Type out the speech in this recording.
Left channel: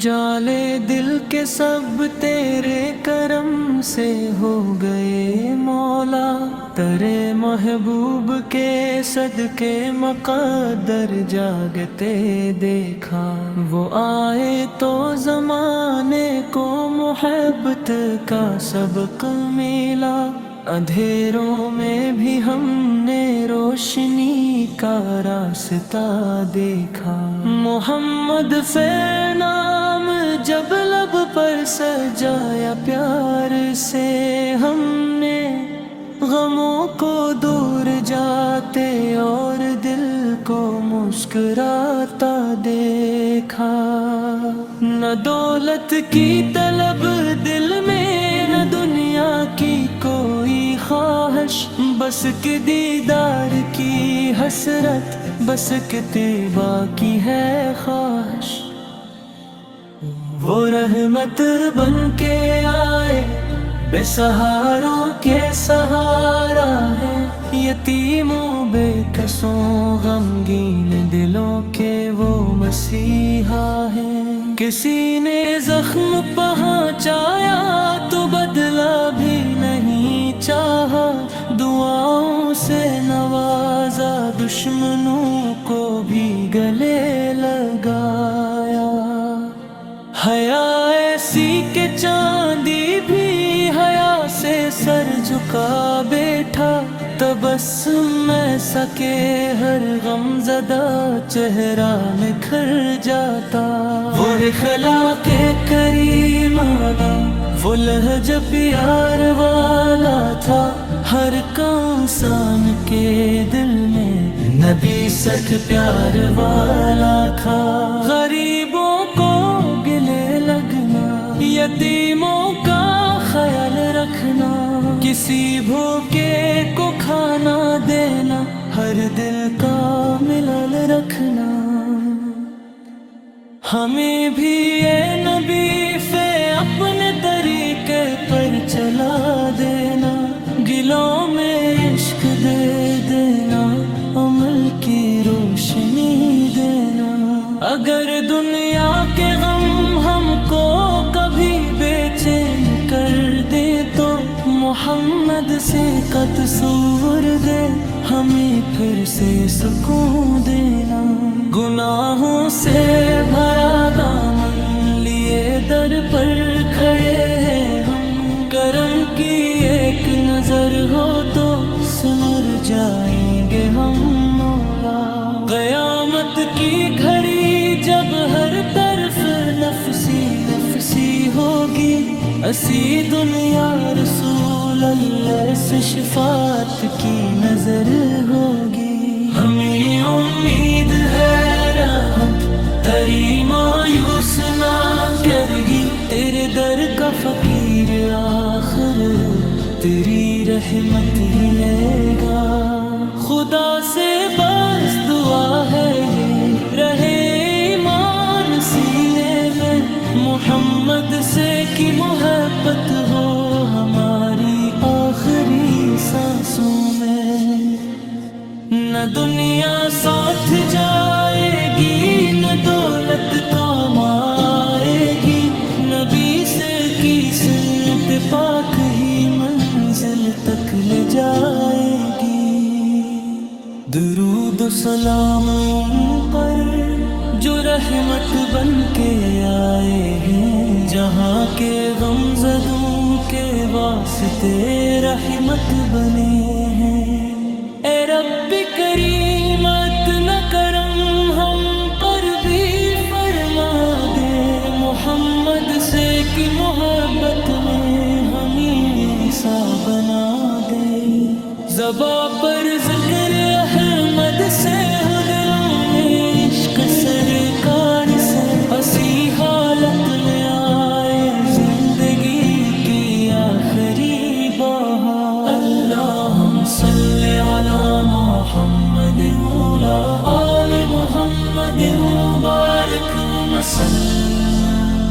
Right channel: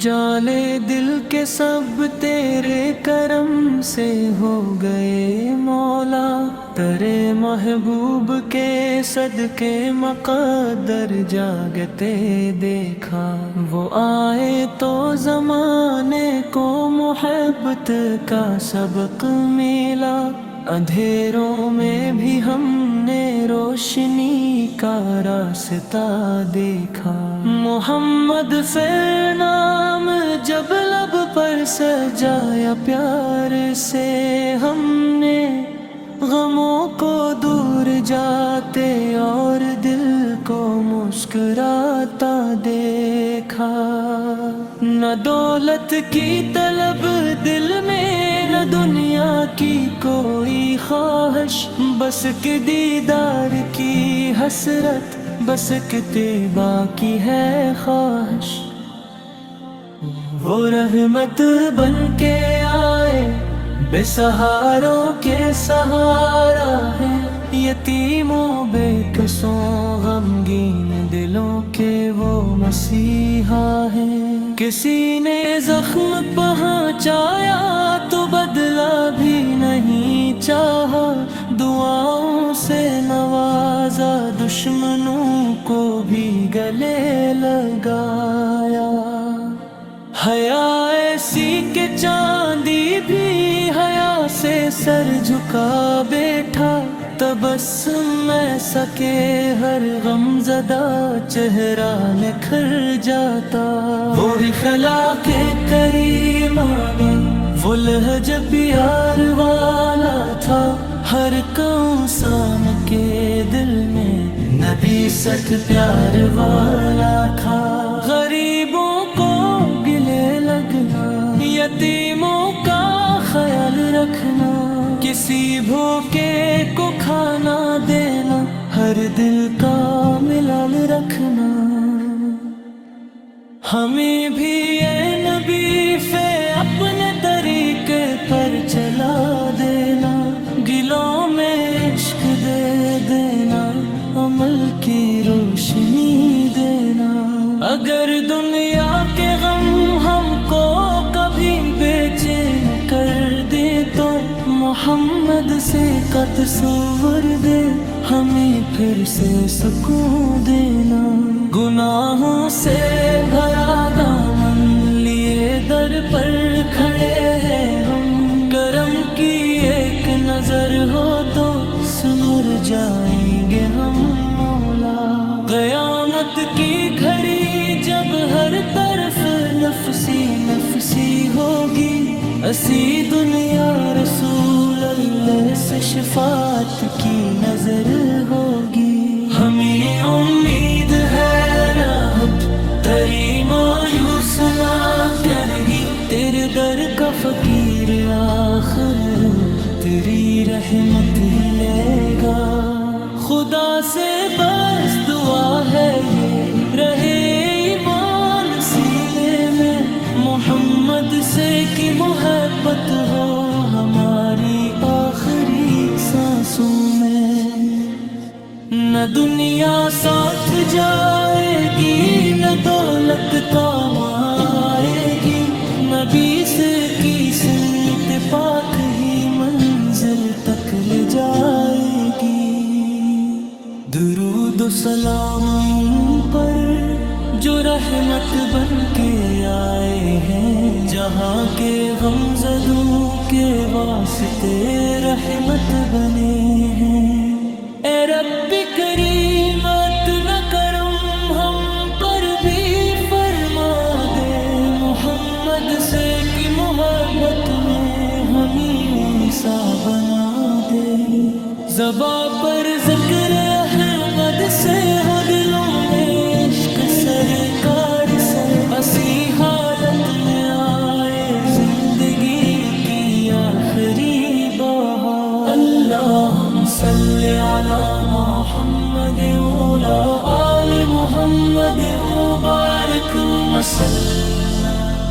اجالے دل کے سب تیرے کرم سے ہو گئے مولا، تیرے محبوب کے صدقے مقدر جاگتے دیکھا، وہ آئے تو زمانے کو محبت کا سبق ملا، اندھیروں میں بھی ہم نے روشنی کا راستہ دیکھا۔ محمد پھر نام جب لب پر سجایا پیار سے، ہم نے غموں کو دور جاتے اور دل کو مسکراتا دیکھا۔ نہ دولت کی طلب دل میں، نہ دنیا کی کوئی خواہش، بس کہ دیدار کی حسرت، بس کہ طیبہ کی ہے خواہش۔ وہ رحمت بن کے آئے، بے سہاروں کے سہارا ہے، یتیموں بے کسوں غمگین دلوں کے وہ مسیحا ہیں۔ کسی نے زخم پہنچایا تو بدلہ بھی نہیں چاہا، دعاؤں سے نوازا، دشمنوں کو بھی گلے لگایا۔ حیا ایسی کہ چاندی بھی حیا سے سر جھکا بیٹھا، تبسم ایسا کہ ہر غم زدہ چہرہ نکھر جاتا۔ وہ اخلاق کریمانہ، وہ لہجہ پیار والا تھا، ہر انسان کے دل میں نبی ست پیار والا تھا۔ غریبوں کو گلے لگنا، یتیموں کا خیال رکھنا، کسی بھوکے کو کھانا دینا، ہر دل کا ملال رکھنا۔ ہمیں بھی اے نبی فے اپنے طریقے پر چلا دینا، گلوں میں عشق دے دینا، عمل کی روشنی دینا۔ اگر دنیا کے غم ہم کو کبھی بے چین کر دے تو محمد سے کا تصور دے، ہمیں پھر سے سکون دینا۔ گناہوں سے بھرا دامن لیے در پر کھڑے ہیں ہم، کرم کی ایک نظر ہو تو سنور جائیں گے ہم مولا۔ قیامت کی گھڑی جب ہر طرف نفسی نفسی ہوگی، اسی دنیا رسول اللہ سے شفاعت کی نظر ہوگی۔ ہمیں امید ہے رحمت تیری مایوس نہ کرے گی، تیرے در کا فقیر آخر تیری رحمت ہی لے گا۔ خدا سے بس دعا ہے یہ رہے ایمان سینے میں، محمد سے کی محبت ہو ہماری آخری سانسوں میں۔ نہ دنیا ساتھ جائے گی، نہ دولت کام آئے گی، نبی سے کی سنت پاک ہی منزل تک لے جائے گی۔ درود و سلام ان پر جو رحمت بن کے آئے ہیں، جہاں کے غم زدوں کے واسطے رحمت بنے ہیں۔ اے رب کریم اتنا کرم ہم پر بھی فرما دے، محمد سے کی محبت میں ہمیں سا بنا دے۔ زباں پر ذکر احمد سے ہو، دلوں میں عشق سرکار سے، اسی حالت میں آئے زندگی کی آخری بہار۔ اللہم صلی علی محمد وعلی آل محمد وبارک وسلم۔